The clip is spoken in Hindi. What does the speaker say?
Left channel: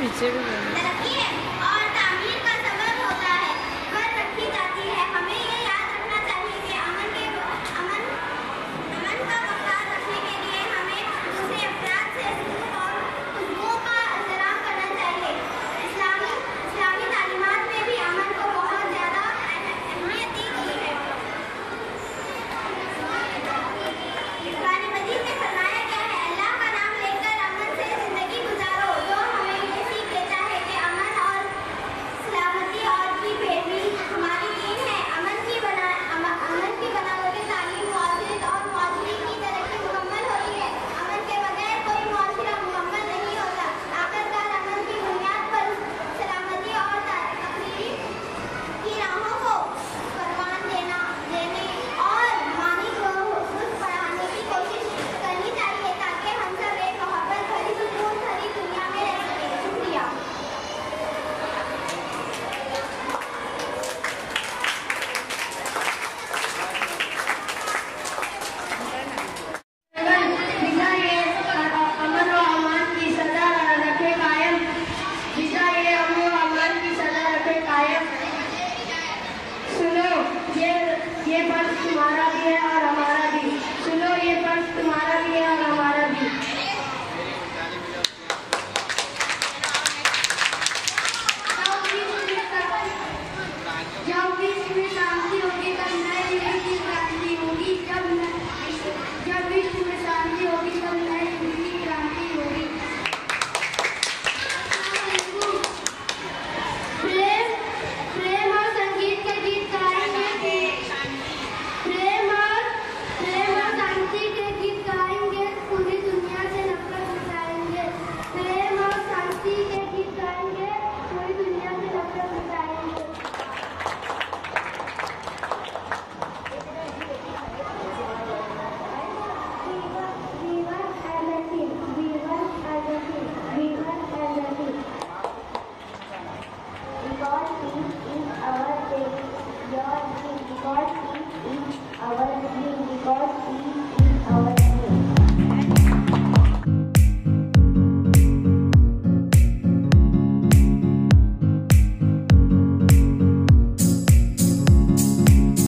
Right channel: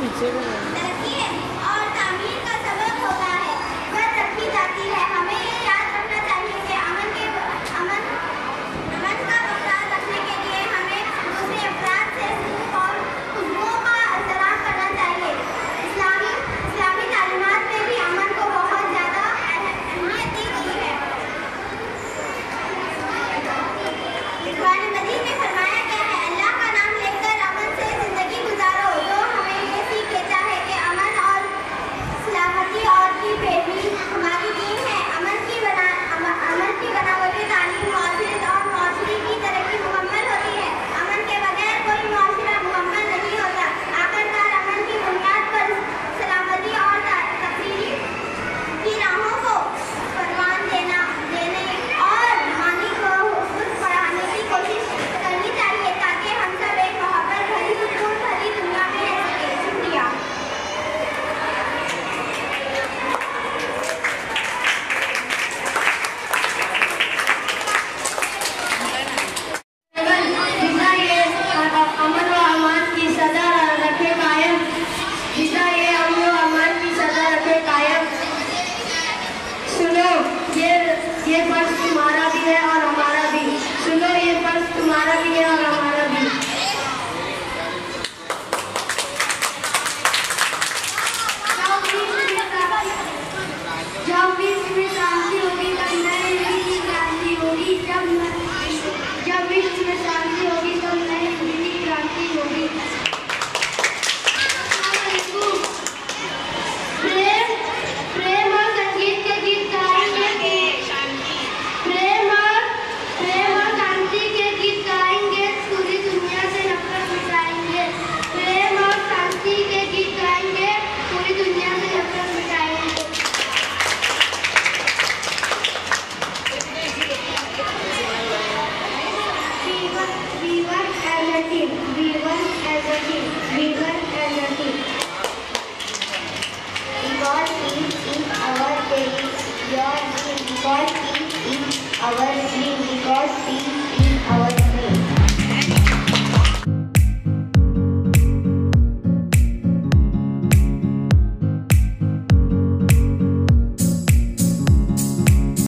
पीछे भी तरक्की है और तामीर का सबब होता है, वह रखी जाती है। हमें ये याद रखना चाहिए कि अमन का बरकरार रखने के लिए हमें दूसरे अफराद से सलूक और खुशबुओं का एहतराम करना चाहिए। इस्लामी तालीमात में भी अमन को बहुत ज़्यादा अहमियत दी गई है। कुरान मजीद में फरमाया गया है, अल्लाह का नाम लेकर अमन से जिंदगी गुजारो। तो हमें ये सीख देता है कि अमन और सलामती और की पैरवी हमारी दीन है। अमन की बनावटी तालीम मुआशरत और मुआशरे की तरक्की मुकम्मल होती है। अमन के बगैर कोई मुआशरा मुकम्मल नहीं होता। आखिरकार अमन की बुनियाद पर सलामती और तकरीरी की राहों को परवान देने और रूहानी को बढ़ाने की कोशिश करनी चाहिए ताकि हम सब एक मोहब्बत भरी सुकून भरी दुनिया में रह सकें। शुक्रिया। अमन व अमान की सदा रखे कायम। अमन व अमान की सदा रखे कायम। सुनो ये फर्ज तुम्हारा भी है और हमारा भी। सुनो ये फर्ज तुम्हारा भी है और हमारा भी। जब विश्व में शांति होगी तब नई क्रांति होगी। जब विश्व में शांति होगी तब नई क्रांति होगी। प्रेम और संगीत के गीत गाएंगे। प्रेम और शांति के गीत गाएंगे, पूरी दुनिया से नफरत मिटाएंगे। प्रेम और शांति के गीत गाएंगे, पूरी दुनिया से नफरत मिटाएंगे। We were a team.